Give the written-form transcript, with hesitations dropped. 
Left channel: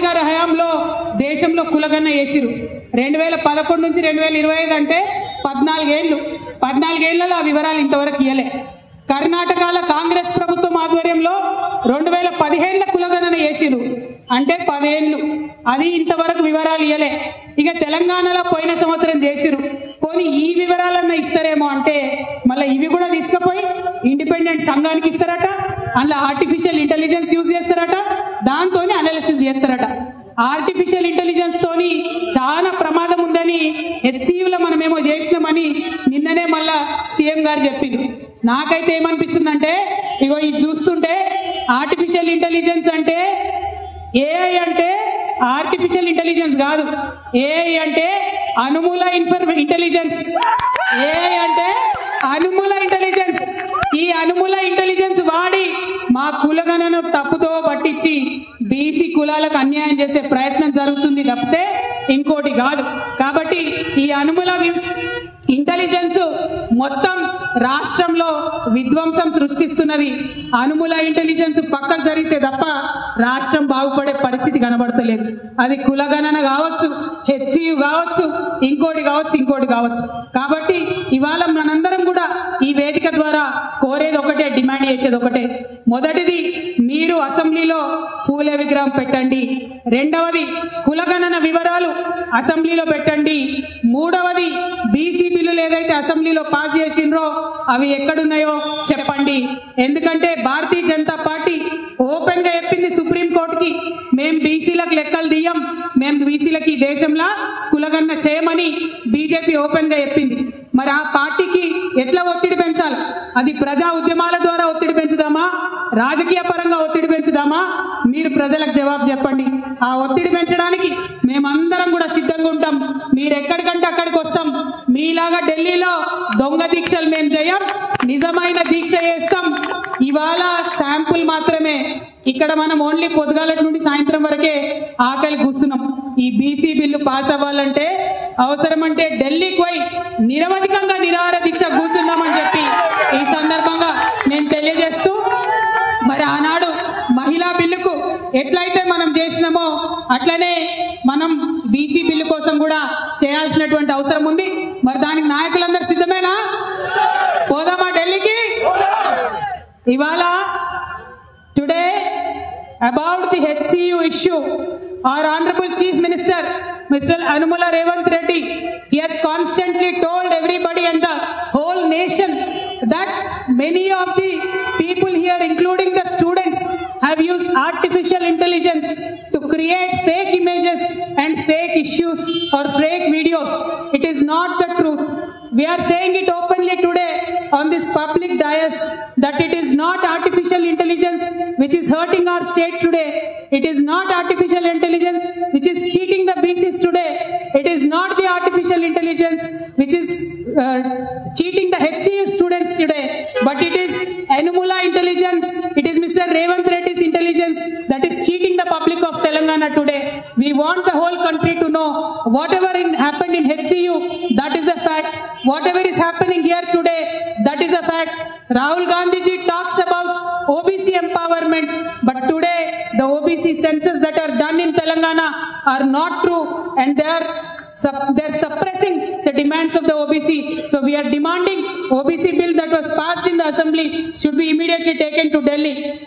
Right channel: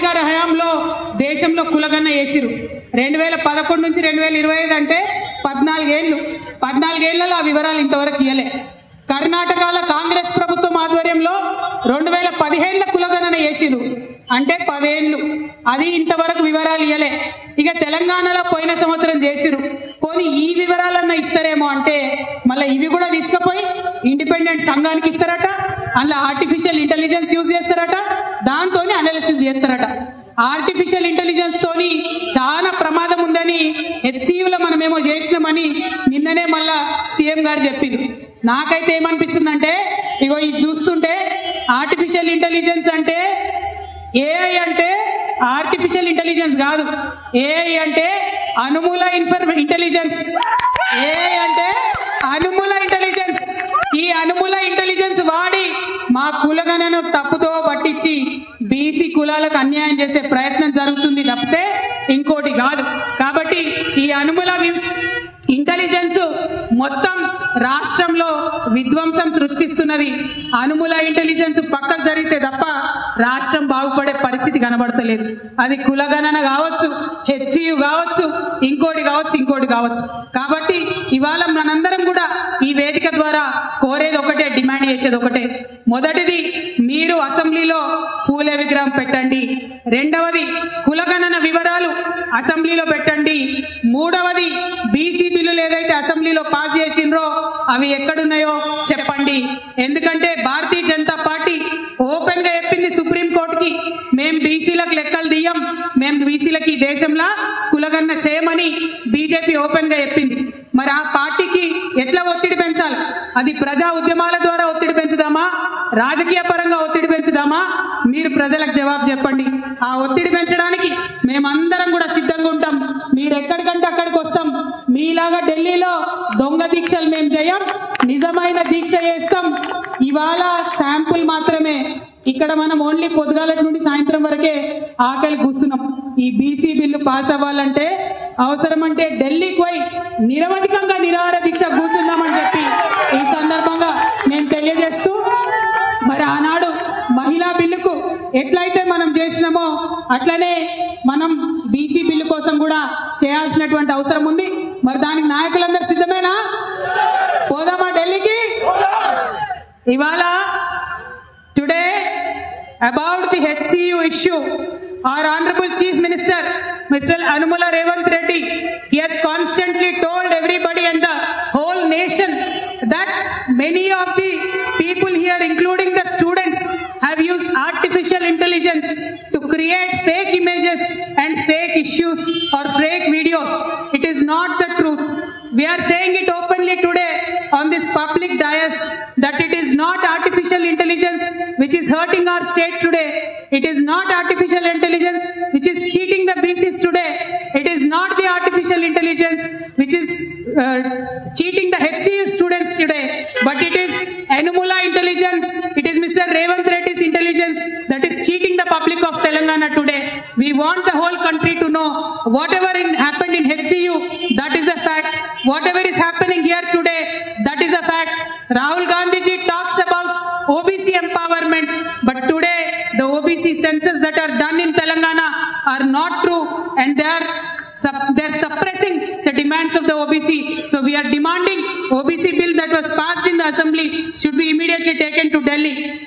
గాంధీ గారి హయాంలో దేశంలో కులగన్న చేసిరు. 2011 నుంచి 2025 అంటే 14 ఏళ్ళు. 14 ఏళ్లలో ఆ వివరాలు ఇంతవరకు ఇయ్యలే. కర్ణాటకలో కాంగ్రెస్ ప్రభుత్వం ఆధ్వర్యంలో 2015లో కులగణన చేసిరు, అంటే 10 ఏళ్ళు. అది ఇంతవరకు వివరాలు ఇయ్యలే. ఇక తెలంగాణలో పోయిన సంవత్సరం చేసిరు. పోనీ ఈ వివరాలన్నా ఇస్తారేమో అంటే మళ్ళీ ఇవి కూడా తీసుకుపోయి ఇండిపెండెంట్ సంఘానికి ఇస్తారట. అందులో ఆర్టిఫిషియల్ ఇంటెలిజెన్స్ యూజ్ చేస్తారట, దాంతోనే అనాలిసిస్ చేస్తారట. ఆర్టిఫిషియల్ ఇంటెలిజెన్స్ తోని చాలా ప్రమాదం ఉందని హెచ్సియులో మనమేమో చేసినామని నిన్ననే మళ్ళా సీఎం గారు చెప్పింది. నాకైతే ఏమనిపిస్తుందంటే, ఇగో ఇది చూస్తుంటే ఆర్టిఫిషియల్ ఇంటెలిజెన్స్ అంటే ఏఐ అంటే ఆర్టిఫిషియల్ ఇంటెలిజెన్స్ కాదు. ఏఐ అంటే అనుమూల ఇంటెలిజెన్స్. ఏఐ అంటే అనుమూల ఇంటెలిజెన్స్. ఈ అనుమూల ఇంటెలిజెన్స్ వాడి మా కులగణను తప్పుతో పట్టించి బీసీ కులాలకు అన్యాయం చేసే ప్రయత్నం జరుగుతుంది తప్పితే ఇంకోటి కాదు. కాబట్టి ఈ అనుమూల ఇంటెలిజెన్స్ మొత్తం రాష్ట్రంలో విధ్వంసం సృష్టిస్తున్నది. అనుమూల ఇంటెలిజెన్స్ పక్కకు జరిగితే తప్ప రాష్ట్రం బాగుపడే పరిస్థితి కనబడతలేదు. అది కులగణన కావచ్చు, హెచ్సియు కావచ్చు, ఇంకోటి కావచ్చు. కాబట్టి ఇవాళ మనందరం కూడా ఈ వేదిక ద్వారా కోరేది ఒకటే, డిమాండ్ చేసేది ఒకటే. మొదటిది, మీరు అసెంబ్లీలో పూలే విగ్రహం పెట్టండి. రెండవది, కులగణన వివరాలు అసెంబ్లీలో పెట్టండి. మూడవది, బీసీ బిల్లులు ఏదైతే అసెంబ్లీలో పాస్ చేసిండ్రో అవి ఎక్కడున్నాయో చెప్పండి. ఎందుకంటే భారతీయ జనతా పార్టీ ఓపెన్ గా చెప్పింది సుప్రీంకోర్టుకి, మేము బీసీలకు లెక్కలు తీయం, మేము బీసీలకి దేశంలో కులగణన చేయమని బీజేపీ ఓపెన్ గా చెప్పింది. మరి ఆ పార్టీకి ఎట్లా ఒత్తిడి పెంచాలి? అది ప్రజా ఉద్యమాల ద్వారా ఒత్తిడి పెంచుదామా, రాజకీయ పరంగా ఒత్తిడి పెంచుదామా? మీరు ప్రజలకు జవాబు చెప్పండి. ఆ ఒత్తిడి పెంచడానికి మేమందరం కూడా సిద్ధంగా ఉంటాం. మీరు ఎక్కడికంటే అక్కడికి వస్తాం. మీలాగా ఢిల్లీలో దొంగ దీక్షలు మేము చేయం, నిజమైన దీక్ష చేస్తాం. ఇవాళ శాంపుల్ మాత్రమే. ఇక్కడ మనం ఓన్లీ పొద్దుగాల నుండి సాయంత్రం వరకే ఆకలి కూస్తున్నాం. ఈ బీసీ బిల్లు పాస్ అవ్వాలంటే అవసరమంటే ఢిల్లీకి పోయి నిరవధికంగా నిరాహార దీక్ష కూర్చుందామని చెప్పి ఈ సందర్భంగా నేను తెలియజేస్తూ, మరి ఆనాడు మహిళా బిల్లుకు ఎట్లయితే మనం చేసినామో అట్లనే మనం బీసీ బిల్లు కోసం కూడా చేయాల్సినటువంటి అవసరం ఉంది. మరి దానికి నాయకులందరూ సిద్ధమేనా? పోదామా ఢిల్లీకి? ఇవాళ today about the HCU issue, our honorable chief minister Mr. Anumala Revanth Reddy, he has constantly told everybody and the whole nation that many of the people here, including the students, have used artificial intelligence to create fake images and fake issues or fake videos. It is not the truth. We are saying it openly today on this public dais that it is not artificial intelligence which is hurting our state today. It is not artificial intelligence which is cheating the BCs today. It is not the artificial intelligence which is cheating the HCU students today. But it is Anumula intelligence. It is Mr. Revanth Reddy's intelligence that is cheating the public of Telangana today. We want the whole country to know whatever happened in HCU, that is a fact. Whatever is happening here today, that is a fact. Rahul Gandhi ji talks about OBC empowerment, but today the OBC census that are done in Telangana are not true, and they're suppressing the demands of the OBC. So we are demanding OBC bill that was passed in the assembly should be immediately taken to Delhi.